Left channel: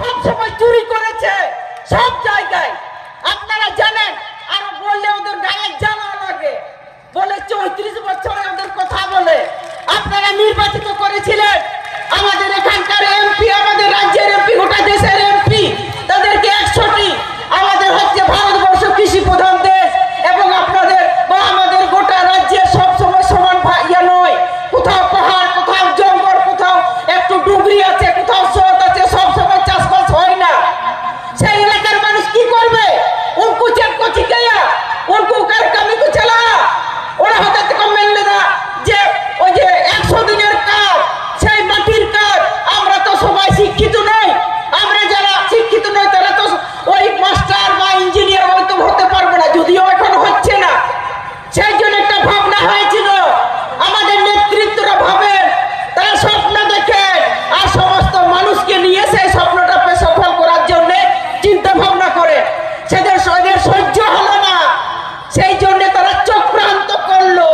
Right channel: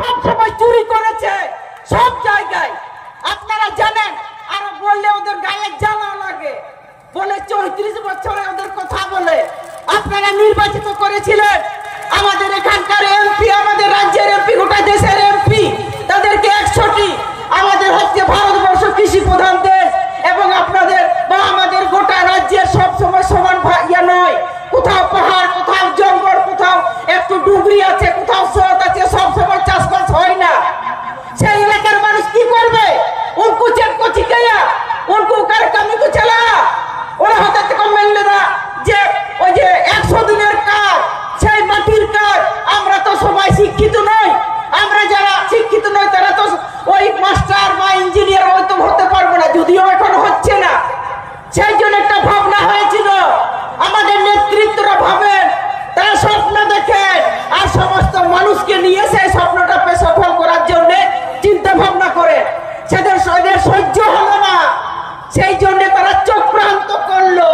সব সময় চুরি করেছে সব জায়গায়। আপনারা জানেন, আর বললে ওদের গায়ে জ্বালা লাগে, বলে 34 বছর ওদের কথা বলে। আপনারা নির্বাচিত করেছিলেন আমাদের এখানকার এমপি, আমাদের রাজ্যের এমপি, গোটা দেশের এমপি, তাদেরকে 100টি। আমাদের হচ্ছে ভারতবর্ষ কৃষি প্রধান দেশ, এবং আপনাদের বা আমাদের গোটা রাজ্যের সবসময় সমান ইয়া নয়। কোথাও পাহাড়, কোথাও জঙ্গল, কোথাও একটু ডুবরি আছে, কোথাও স্রোত আছে, সবসময় চাষবাস হয় না। সেই এলাকার মানুষ কি করবে? উनको चेक ঠিকায়া उनको कर कमी को चला ওরা হঠাৎ থেকে মেনে না যে ওই যে 100 দিনের কাজ, সেই মাটির কাজ। আমরা তো সবাই শিক্ষিত নই, আমরা যারা শিক্ষিত নই তারা তো ওই মাস্টার বা ইঞ্জিনিয়ার হয়তো হতে পারবে না, যদিও এখন হচ্ছে না। সেই জন্য একটা ভাবনা হয়েছিল, আমাদের নেতৃত্বরা ভাবেন, তারা স্বপ্ন দেখেন, আর সমস্ত মানুষকে নিয়ে সেই স্বপ্নটাকে সফল করার জন্য চিন্তা ভাবনা করে। সেদের সহ্য হলো না, সেই জন্য তারা চক্রান্ত করলো।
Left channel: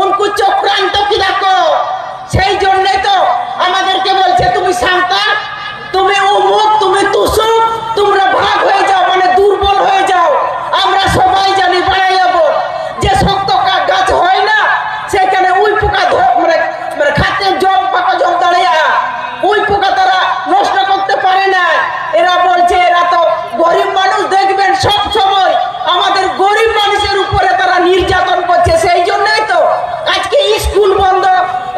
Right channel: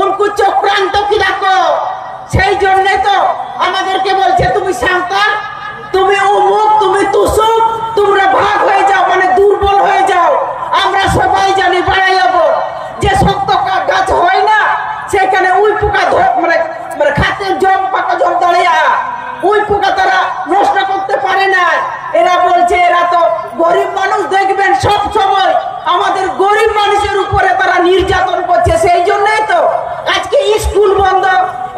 উনকু চক্রান্ত কি দেখো, সেই জন্য তো আমাদেরকে বলছে তুমি সাঁওতাল, তুমি উমুক, তুমি তুসুক, তোমরা ভাগ হয়ে যাও, মানে দুর্বল হয়ে যাও। আমরা সবাই জানি বাড়াই যাবো যে শক্ত গাছ হয় না, সেখানে উই পোকা মানে খাতে জম পাকা জম দাঁড়িয়ে ওই পোকা তারা নষ্ট করতে পারে না। এরা বলছে এরা তো গরিব মানুষ, দেখবেন সব সময় আমাদের গরিব মানুষের উপরে তারা নির্যাতন করছে। সেই জন্যই তো আজকে স্কুল বন্ধ,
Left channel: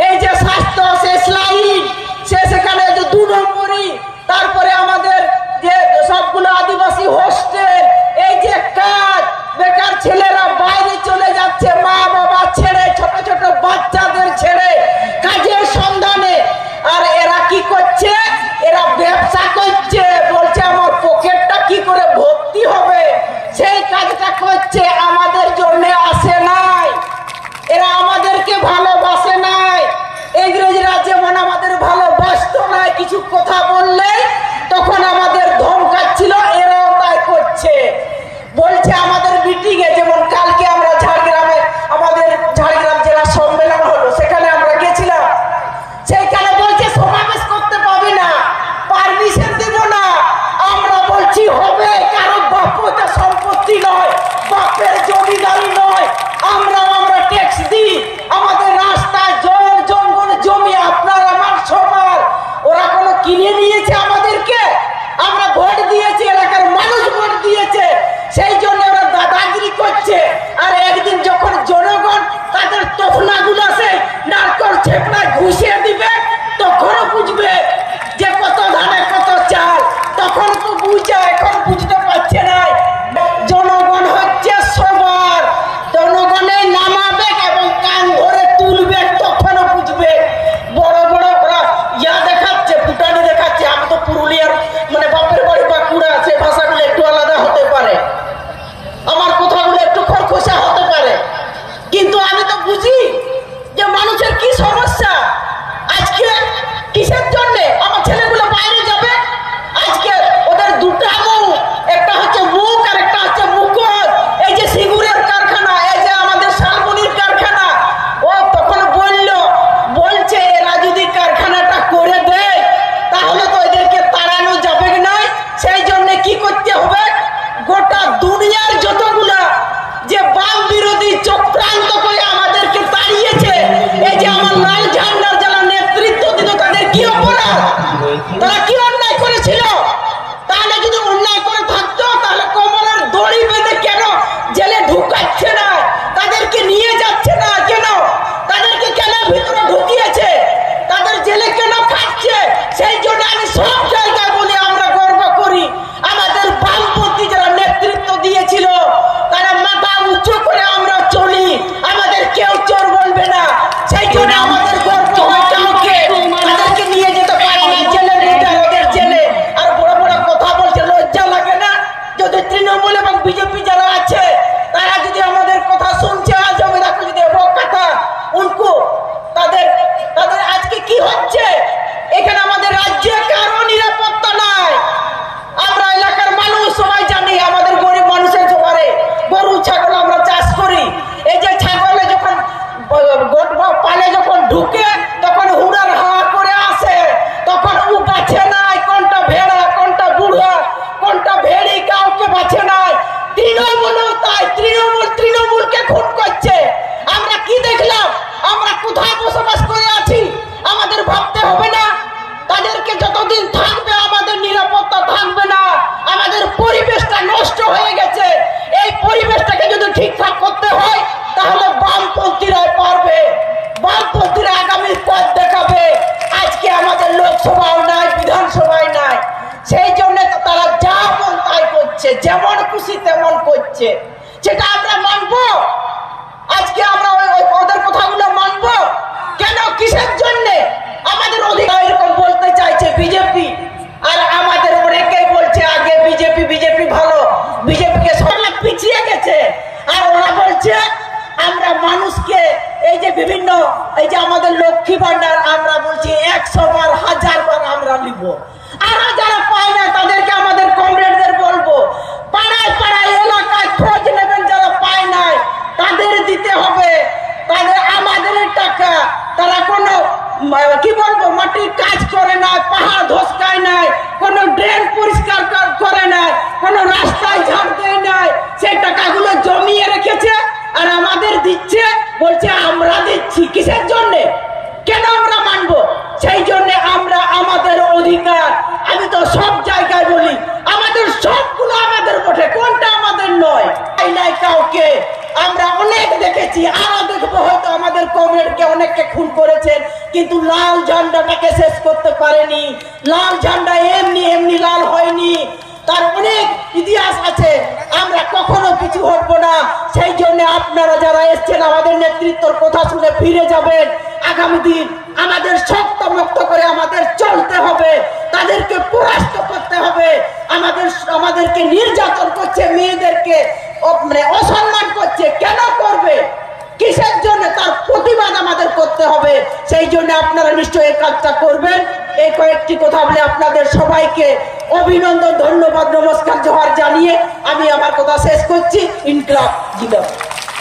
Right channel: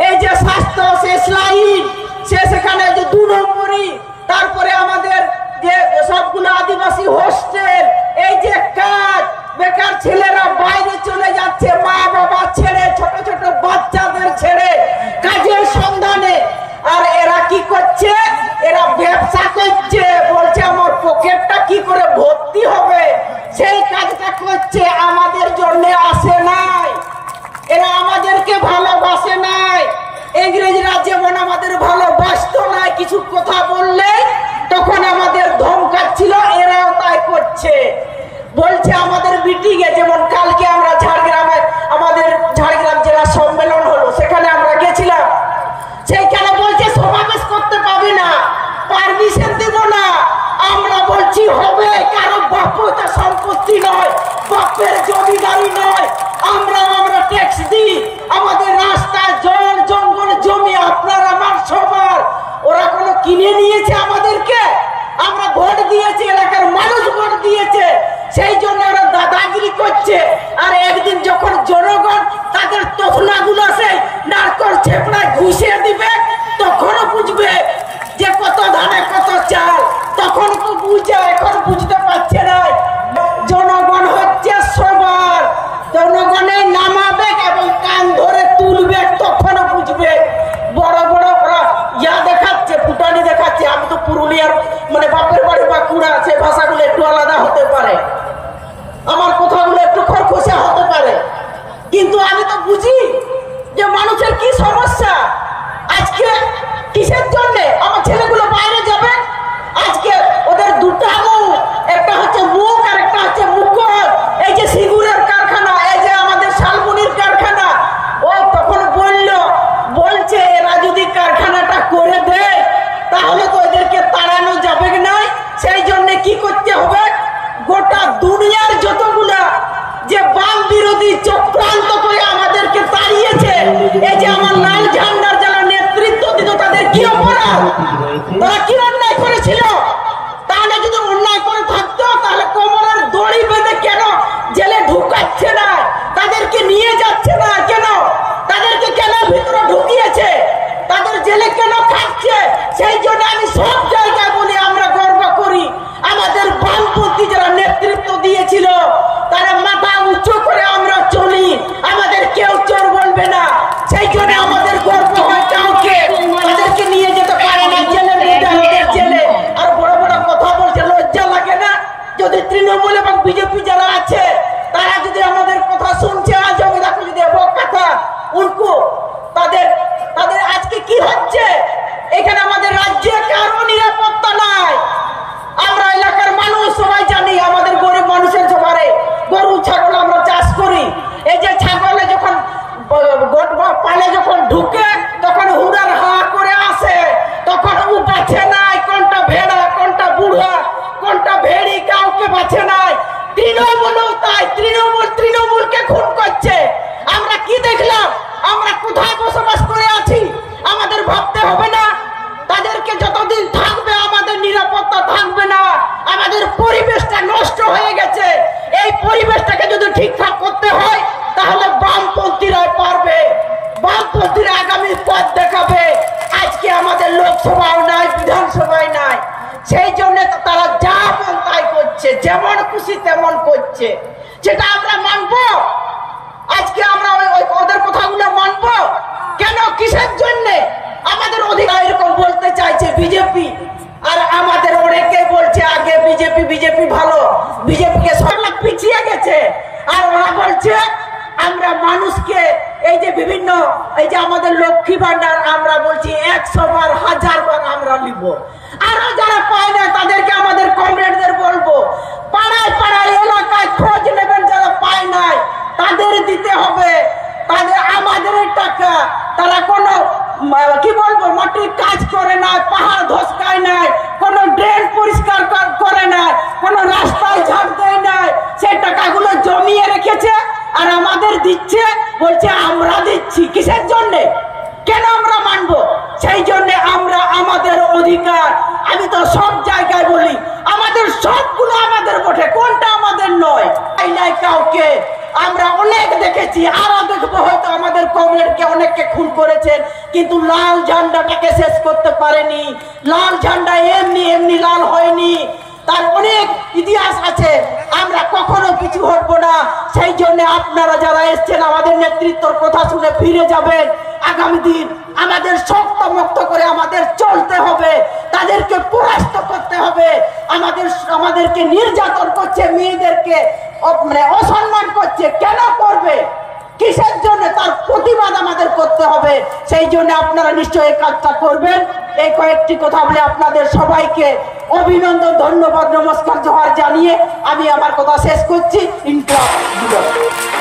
এই যে স্বাস্থ্য, সে স্লাইড, সে সেখানে যে 2 নম্বরই, তারপরে আমাদের যে সবগুলো আদিবাসী হোস্টেল, এই যে কাজ, বেকার ছেলেরা বাইরে চলে যাচ্ছে, মা বাবা ছেড়ে, ছোট ছোট বাচ্চাদের ছেড়ে কাজের সন্ধানে। আর এরা কি করছে? এরা ব্যবসা করছে, বলছে আমার পকেটটা কি করে ভর্তি হবে, সেই কাজটা করছে। আমাদের জন্য আসে নাই, এরা আমাদেরকে ভালোবাসে নাই। ইংরেজরা যেমন আমাদের ভালোবাসত নাই, কিছু কথা বললে তখন আমাদের ধমকাচ্ছিল, এরাও তাই করছে। বলছে আমাদের মিটিংয়ে, যেমন কালকে আমরা ঝাড়গ্রামে আমাদের ঝাড়গ্রাম জেলা সম্মেলন হলো, সেখানে আমরা গেছিলাম। সেইখানে বলছে সমাবেশ করতে পাবি না, পারমিশন দেব না। আমরা বলছি হবে, কারো বাপটা সম্পত্তি নয়, বাপের জমিদারি নয়। আমরা ট্যাক্স দিই, আমাদের রাস্তায় জল জঙ্গল জমি আপনার আমার সবার। ওরা কোনো কিনে নিয়েছে আমাদেরকে? আমরা ভোট দিয়েছি, এলাকার মানুষ ভোট দিয়েছে, সেই জন্য ওরা দাদাগিরি করছে। আর একদিন যখন জনগণ তাদের তখনাগুলো সেই নারকল ছেপড়ায় ঘুষিয়ে দিবে, তখনও বুঝবে যে কত ধানে কত চাল, তখন তো বুঝে, এখন বুঝতে পারছে না। জনগণ হচ্ছে সবার, জনগণের নামাবে এবং কান ধরে তুলবে, তখনও বুঝবে। বড় বড় ওরা ইয়া দেখাচ্ছে, ফুটানি দেখাচ্ছে। আমি তো পুরুলিয়ার মানে বাপের বাড়ি বাঁকুড়া, সেই ভাষাগুলো একটু আলাদা হতে পারে, আমার কথাগুলো একটু খরখসা হতে পারে, কিন্তু আমি তো বুঝি যে মানুষের কি সমস্যা। আজকে কিসের জন্য আমার ছেলেগুলো বাইরে যাবে? আজকে ওদের দুটা মুখ, একটা হচ্ছে মুখ আর একটা হচ্ছে মুখর। এই যে সিঙ্গুরের কারখানা, এই যে আমাদের শালবনির কারখানা, ও তখন বলছে এরা যদি কারখানাটা করে দেয় তাহলে তো এদেরকে তাড়ানো যাবে না। সেই জন্য কি করতে হবে? গোটা দুনিয়ার যতগুলা যে বাম বিরোধী চক্রান্ত করে আমাদেরকে তাড়িয়েছে, এই যে আমার লাল ঝান্ডার যারা নেতৃত্ব দিত, তাদের কি অপরাধ? তারা কি অন্যায় করেছিল? তাহলে যদি অন্যায় করে থাকতো, তাহলে কোমরের দড়ি বেঁধে কেন জেলে ঢুকাচ্ছে না? তাদেরকে নিয়ে যাচ্ছে না কেন? তাদেরকে কেন ভিতরে ঢুকিয়েছে? তাদের জেলে কেন খাচ্ছে? সেই জন্য আমি সব জায়গায় বলি, আমরা গর্ব করি আমাদের বামপন্থী যারা নেতৃত্ব দিয়েছিল, তারা মাথা উঁচু করে আমরা চলি, আমাদের কেউ চোর বলবে না। সেই জন্য আমাদের গর্ব হয়, কাউকে তাদেরকে নিয়ে যেতে পারে না জেলে, ওদের জেলে। আর বড় বড় কথা বলছে, লজ্জা লাগে না? যদি তৃণমূল এবং বিজেপি যারা আছে, তারা যদি আমাদের কথা শুনছে, আজ আমি রাখো যদি কথা উনকু তাদের আজকে কি হচ্ছে এখানে? আমাদের রাজ্যে কারো নিরাপত্তা নাই। আমরা এলাকার মানুষ সবাই জানি, আমাদের গরিব মানুষের সবারে গরু ছাগল আমরা চাষ করি। এই যে ছাগলে যখন পালে যখন ঢুকে, তখন হুড়ার হাওয়া করে আসে, তখন ও বাছে নাই কোনটা ভেড়া কোনটা করছে, সেটা আমরা মানবো? আজকে আমরা ওদের কথাগুলো মানবো কেন? কিসের জন্য? আমাদের অধিকার এরকম বলতে চাইছে বিজেপি, আর আমাদের অনেকেই বলছে আগে বিজেপি বিজেপি ভালো, বিজেপিকে সরকার পিছিয়ে গেছে। আর ওরা বলছে আমরা মানুষকে এই যে বিভিন্ন এই যে আমাদের লক্ষ্মী ভান্ডার, আমরা বলছি 100 বার 1000 বার আমরা নিব। আর যারা পায় না তাদেরকে আমাদের কমরেডদের বলবো, পাড়ায় পাড়ায় এলাকায় খোঁজ নেবেন, যারা পায় নাই তাদের দিতে হবে। তাদের আমাদের টাকা, তারা কোনো কি বলবো মাটির কাজ করে না, পাহাড় ধসকায় নাই, কোনো ড্রেন পরিষ্কার করে না, কোনো রাস্তায় ঝাড় দেয় নাই, সেই টাকাগুলো জমিয়ে রেখেছে আর আমাদের দিচ্ছে, বলছে আমরা দিচ্ছি। কিসের জন্য? কেন আমরা মানবো? সেই জন্য আমরা আমাদের অধিকার, আমি তো সব জায়গায় বলি আমাদের সবগুলো আমাদের বটে, কোনটা আমাদের নয় এই নাই কাউকে। আমরা অনেক দেখেছি, আরো দেখবো, হয়তো আমাদের কমরেডকে অনেককে খুন করেছেন, কিন্তু লাল ঝান্ডাটাকে শেষ করতে পারেনি। লাল ঝান্ডা এমনি এমনি লাল হয়নি, তার অনেক ইতিহাস আছে। আমরা কখনো কিছু হটবো না। সেই জন্য আপনারা যারা এসছেন আমাদের নেতৃত্বর কথা শুনে ফিরে যাবেন। আগামী দিন আমাদের শক্ত মুক্ত করে আমাদের চলতে হবে, তাদেরকে পরাস্ত করতে হবে। আমাদেরকে নির্যাতন করছে, মেয়েদেরকে মানে অসম্মান করছে, কেন করবে? কিসের জন্য? তার প্রতিবাদ আমাদের করতে হবে। সেই জন্য আপনারা নিশ্চয়ই এই কাজটা করবেন। এই কয়েকটি কথা বলে আপনাদের সবাইকে অভিনন্দন, ধন্যবাদ, নমস্কার, জোহার জানিয়ে আমি আমার কথা শেষ করছি। ইনকলাব জিন্দাবাদ।